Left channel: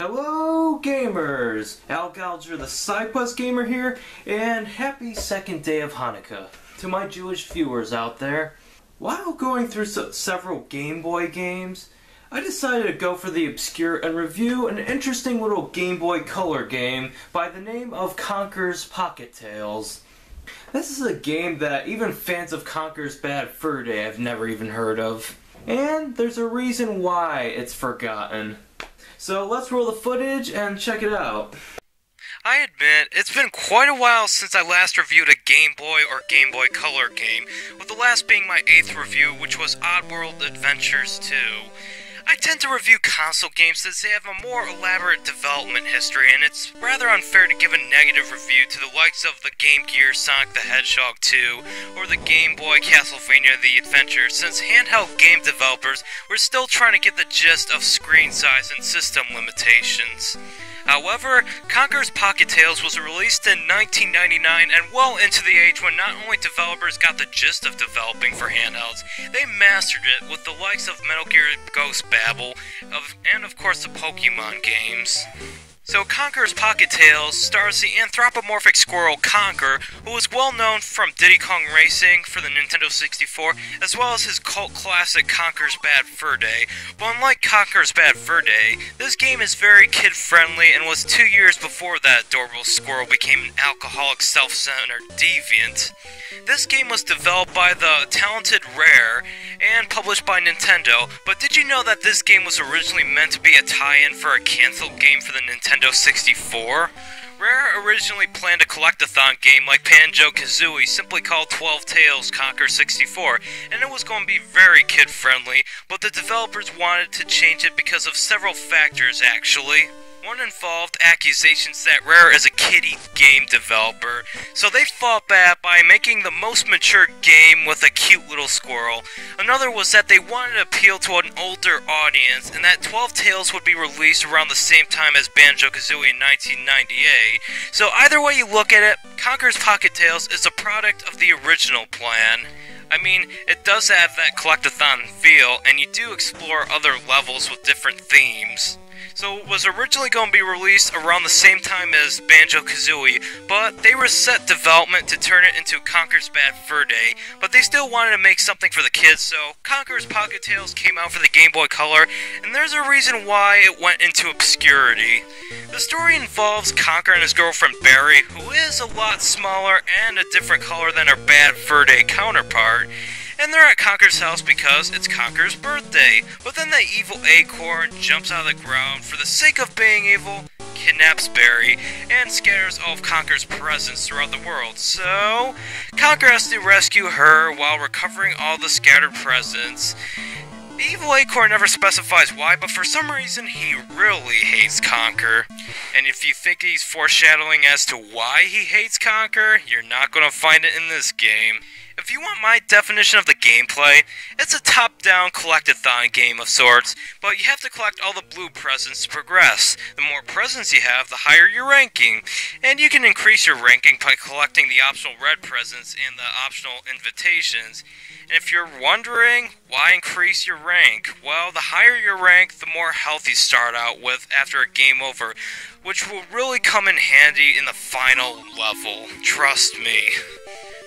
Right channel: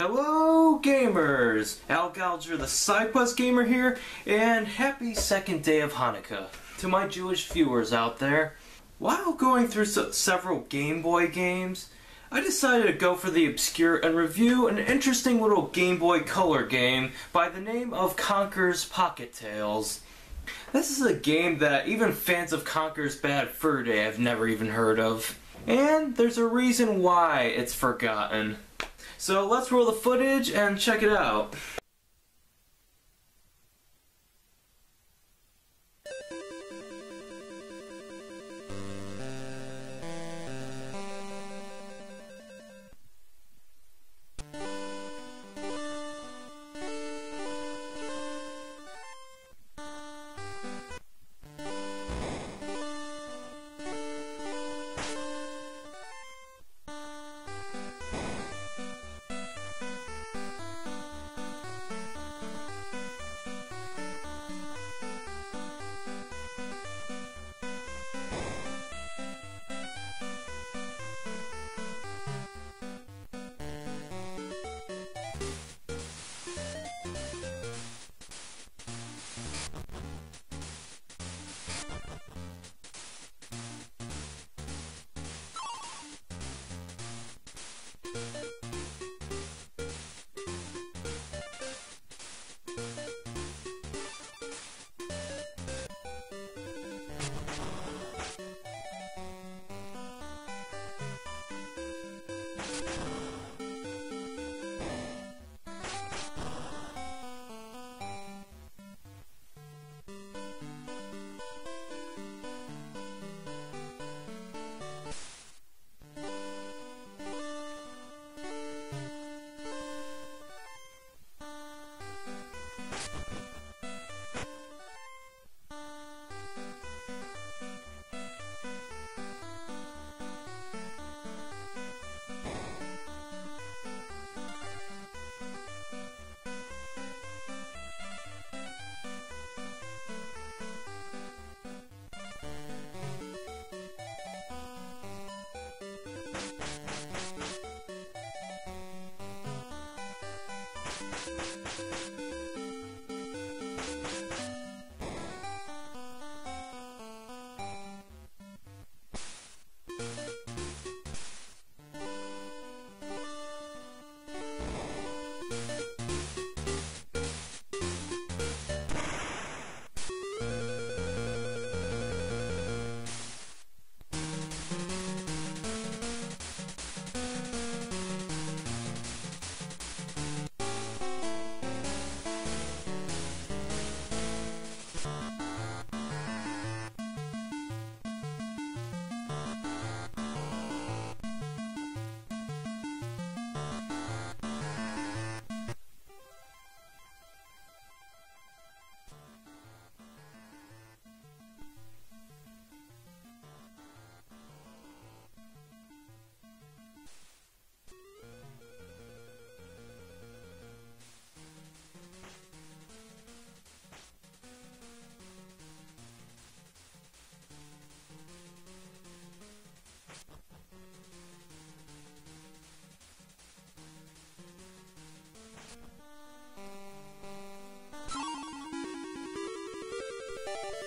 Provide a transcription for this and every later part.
Hello gamers! Alec Alger the SideQuest Gamer here, and happy second day of Hanukkah to my Jewish viewers out there. While going through several Game Boy games, I decided to go for the obscure and review an interesting little Game Boy Color game by the name of Conker's Pocket Tales. This is a game that even fans of Conker's Bad Fur Day have never even heard of. And there's a reason why it's forgotten. So let's roll the footage and check it out. I admit, it's been quite a while since I last reviewed a Game Boy or Game Boy Color game, with the last being my 8th review, which was Oddworld Adventures 2. I tend to review console games since they have a more elaborate development history, and it's rather unfair to give a negative review to the likes of the Game Gear Sonic the Hedgehog 2, or the Game Boy Castlevania The Adventure, since handheld game developers were still trying to get the gist of screen size and system limitations. However, Conker's Pocket Tales was released in 1999 and well into the age when not only developers got the gist of developing for handhelds, they mastered it with the likes of Metal Gear Ghost Babel, and of course the Pokemon games. So Conker's Pocket Tales stars the anthropomorphic squirrel Conker, who was well known from Diddy Kong Racing for the Nintendo 64, as well as his cult classic Conker's Bad Fur Day. But unlike Conker's Bad Fur Day, this game is very kid-friendly and was 2 years before that adorable squirrel became an alcoholic, self-centered deviant. This game was developed by the talented Rare and published by Nintendo, but did you know that this game was originally meant to be a tie-in for a canceled game for the Nintendo 64? Rare originally planned a collectathon game like Banjo-Kazooie, simply called 12 Tales Conker 64, and it was going to be very kid-friendly, but the developers wanted to change it because of several factors actually. One involved accusations that Rare is a kiddie game developer, so they fought back by making the most mature game with a cute little squirrel. Another was that they wanted to appeal to an older audience, and that 12 Tales would be released around the same time as Banjo-Kazooie in 1998. So either way you look at it, Conker's Pocket Tales is a product of the original plan. I mean, it does have that collectathon feel, and you do explore other levels with different themes. So it was originally going to be released around the same time as Banjo-Kazooie, but they reset development to turn it into Conker's Bad Fur Day, but they still wanted to make something for the kids, so Conker's Pocket Tales came out for the Game Boy Color, and there's a reason why it went into obscurity. The story involves Conker and his girlfriend Barry, who is a lot smaller and a different color than her Bad Fur Day counterpart. And they're at Conker's house because it's Conker's birthday. But then the evil acorn jumps out of the ground for the sake of being evil, kidnaps Barry, and scatters all of Conker's presents throughout the world. So, Conker has to rescue her while recovering all the scattered presents. The evil acorn never specifies why, but for some reason he really hates Conker. And if you think he's foreshadowing as to why he hates Conker, you're not going to find it in this game. If you want my definition of the gameplay, it's a top-down collectathon game of sorts, but you have to collect all the blue presents to progress. The more presents you have, the higher your ranking. And you can increase your ranking by collecting the optional red presents and the optional invitations. And if you're wondering, why increase your rank? Well, the higher your rank, the more health you start out with after a game over, which will really come in handy in the final level. Trust me.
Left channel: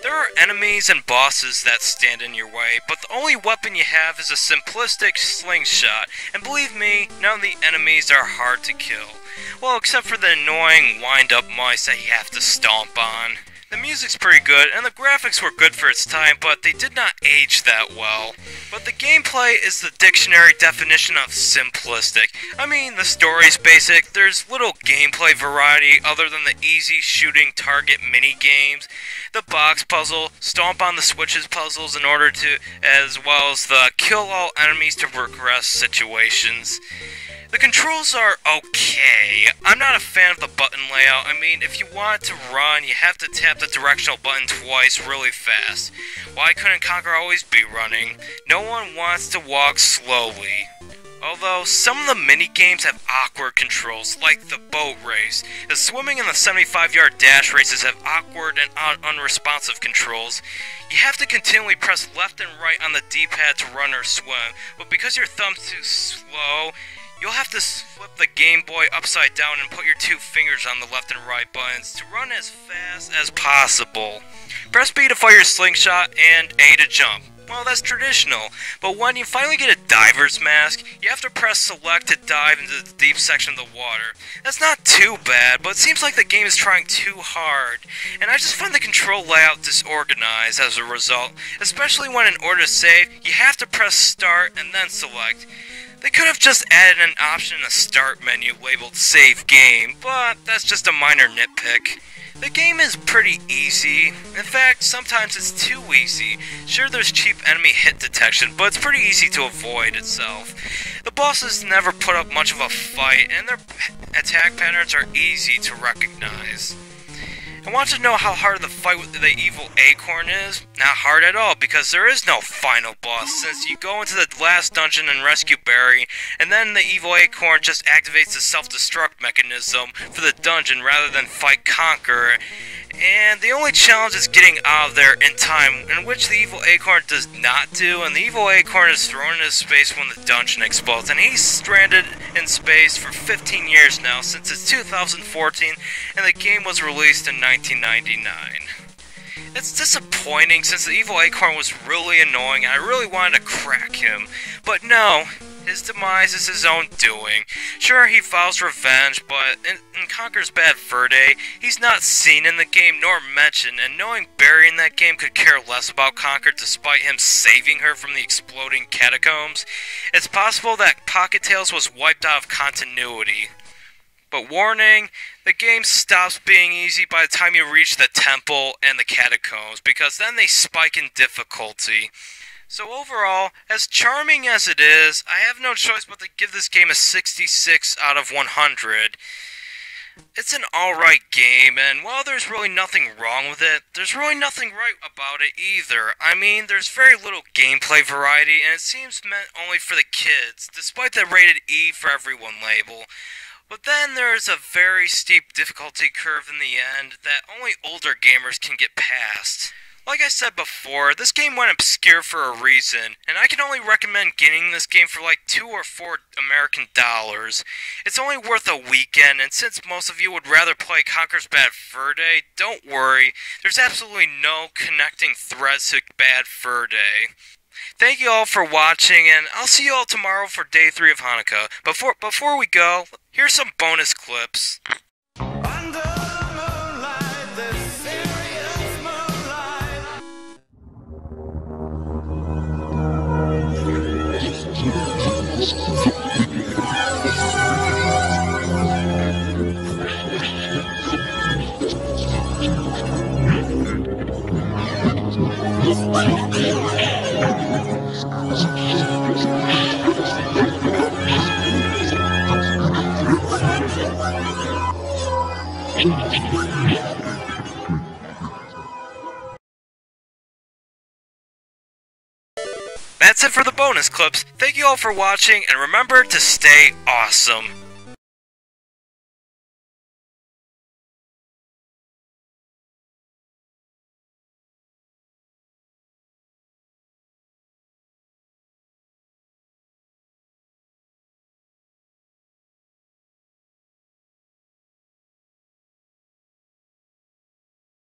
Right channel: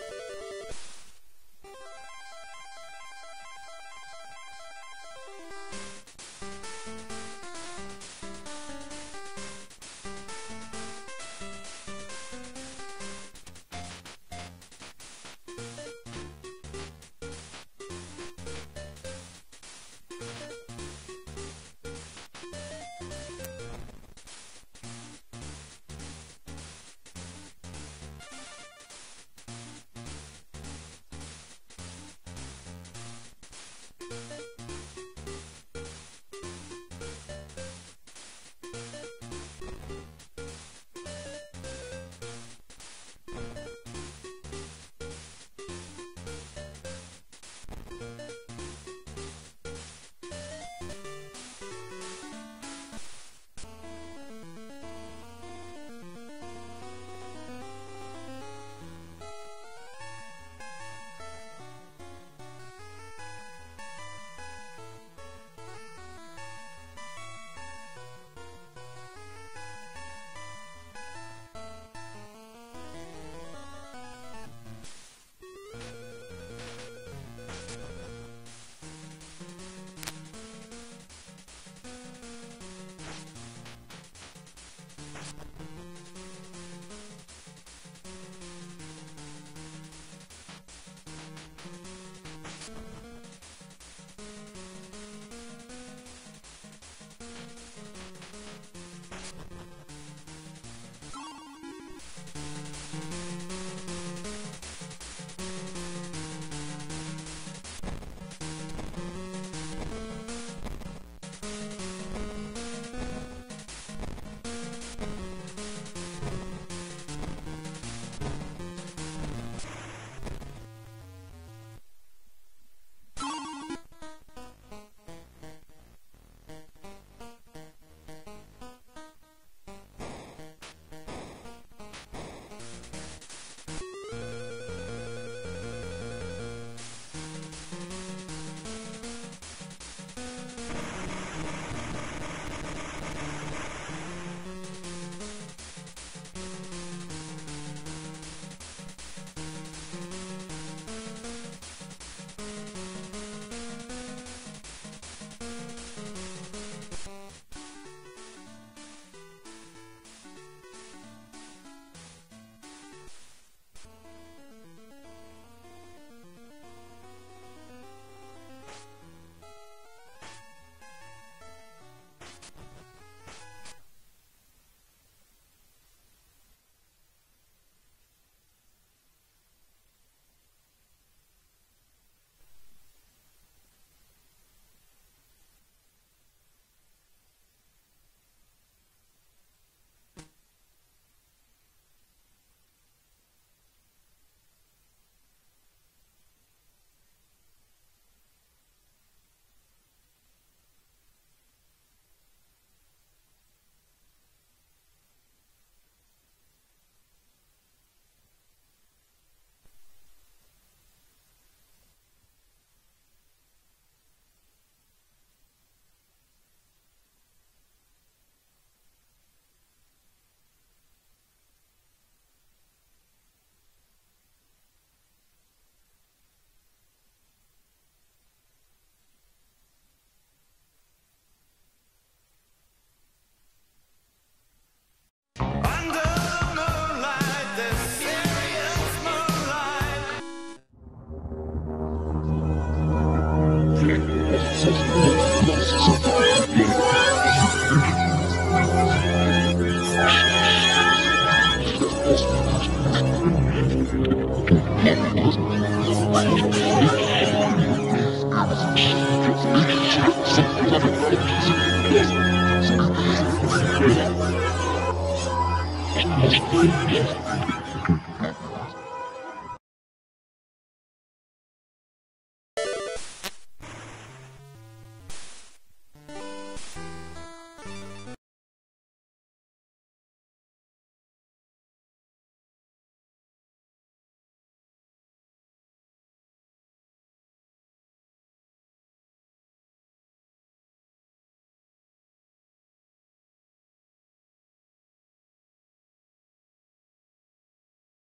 There are enemies and bosses that stand in your way, but the only weapon you have is a simplistic slingshot, and believe me, none of the enemies are hard to kill. Well, except for the annoying wind-up mice that you have to stomp on. The music's pretty good, and the graphics were good for its time, but they did not age that well. But the gameplay is the dictionary definition of simplistic. I mean, the story's basic, there's little gameplay variety other than the easy shooting target mini-games, the box puzzle, stomp on the switches puzzles in order to, as well as the kill all enemies to progress situations. The controls are okay. I'm not a fan of the button layout. I mean, if you want to run, you have to tap the directional button twice really fast. Why couldn't Conker always be running? No one wants to walk slowly. Although, some of the mini-games have awkward controls, like the boat race. The swimming and the 75-yard dash races have awkward and unresponsive controls. You have to continually press left and right on the D-pad to run or swim, but because your thumb's too slow, You'll have to flip the Game Boy upside down and put your two fingers on the left and right buttons to run as fast as possible. Press B to fire your slingshot and A to jump. Well, that's traditional, but when you finally get a diver's mask, you have to press select to dive into the deep section of the water. That's not too bad, but it seems like the game is trying too hard, and I just find the control layout disorganized as a result, especially when in order to save, you have to press start and then select. They could have just added an option in the start menu labeled save game, but that's just a minor nitpick. The game is pretty easy. In fact, sometimes it's too easy. Sure, there's cheap enemy hit detection, but it's pretty easy to avoid itself. The bosses never put up much of a fight, and their attack patterns are easy to recognize. I want to know how hard the fight with the evil acorn is? Not hard at all, because there is no final boss, since you go into the last dungeon and rescue Barry, and then the evil acorn just activates the self-destruct mechanism for the dungeon rather than fight Conker, and the only challenge is getting out of there in time, in which the evil acorn does not do, and the evil acorn is thrown into space when the dungeon explodes, and he's stranded in space for 15 years now, since it's 2014, and the game was released in 1999. It's disappointing since the evil acorn was really annoying and I really wanted to crack him. But no, his demise is his own doing. Sure, he vows revenge, but in Conker's Bad Fur Day, he's not seen in the game nor mentioned, and knowing Barry in that game could care less about Conker despite him saving her from the exploding catacombs, it's possible that Pocket Tales was wiped out of continuity. But warning, the game stops being easy by the time you reach the temple and the catacombs, because then they spike in difficulty. So overall, as charming as it is, I have no choice but to give this game a 66 out of 100. It's an alright game, and while there's really nothing wrong with it, there's really nothing right about it either. I mean, there's very little gameplay variety, and it seems meant only for the kids, despite the rated E for everyone label. But then there's a very steep difficulty curve in the end that only older gamers can get past. Like I said before, this game went obscure for a reason, and I can only recommend getting this game for like $2 or $4 American dollars. It's only worth a weekend, and since most of you would rather play Conker's Bad Fur Day, don't worry, there's absolutely no connecting threads to Bad Fur Day. Thank you all for watching, and I'll see you all tomorrow for Day 3 of Hanukkah. Before we go, here's some bonus clips. Under the moonlight, this serious moonlight. That's it for the bonus clips. Thank you all for watching, and remember to stay awesome.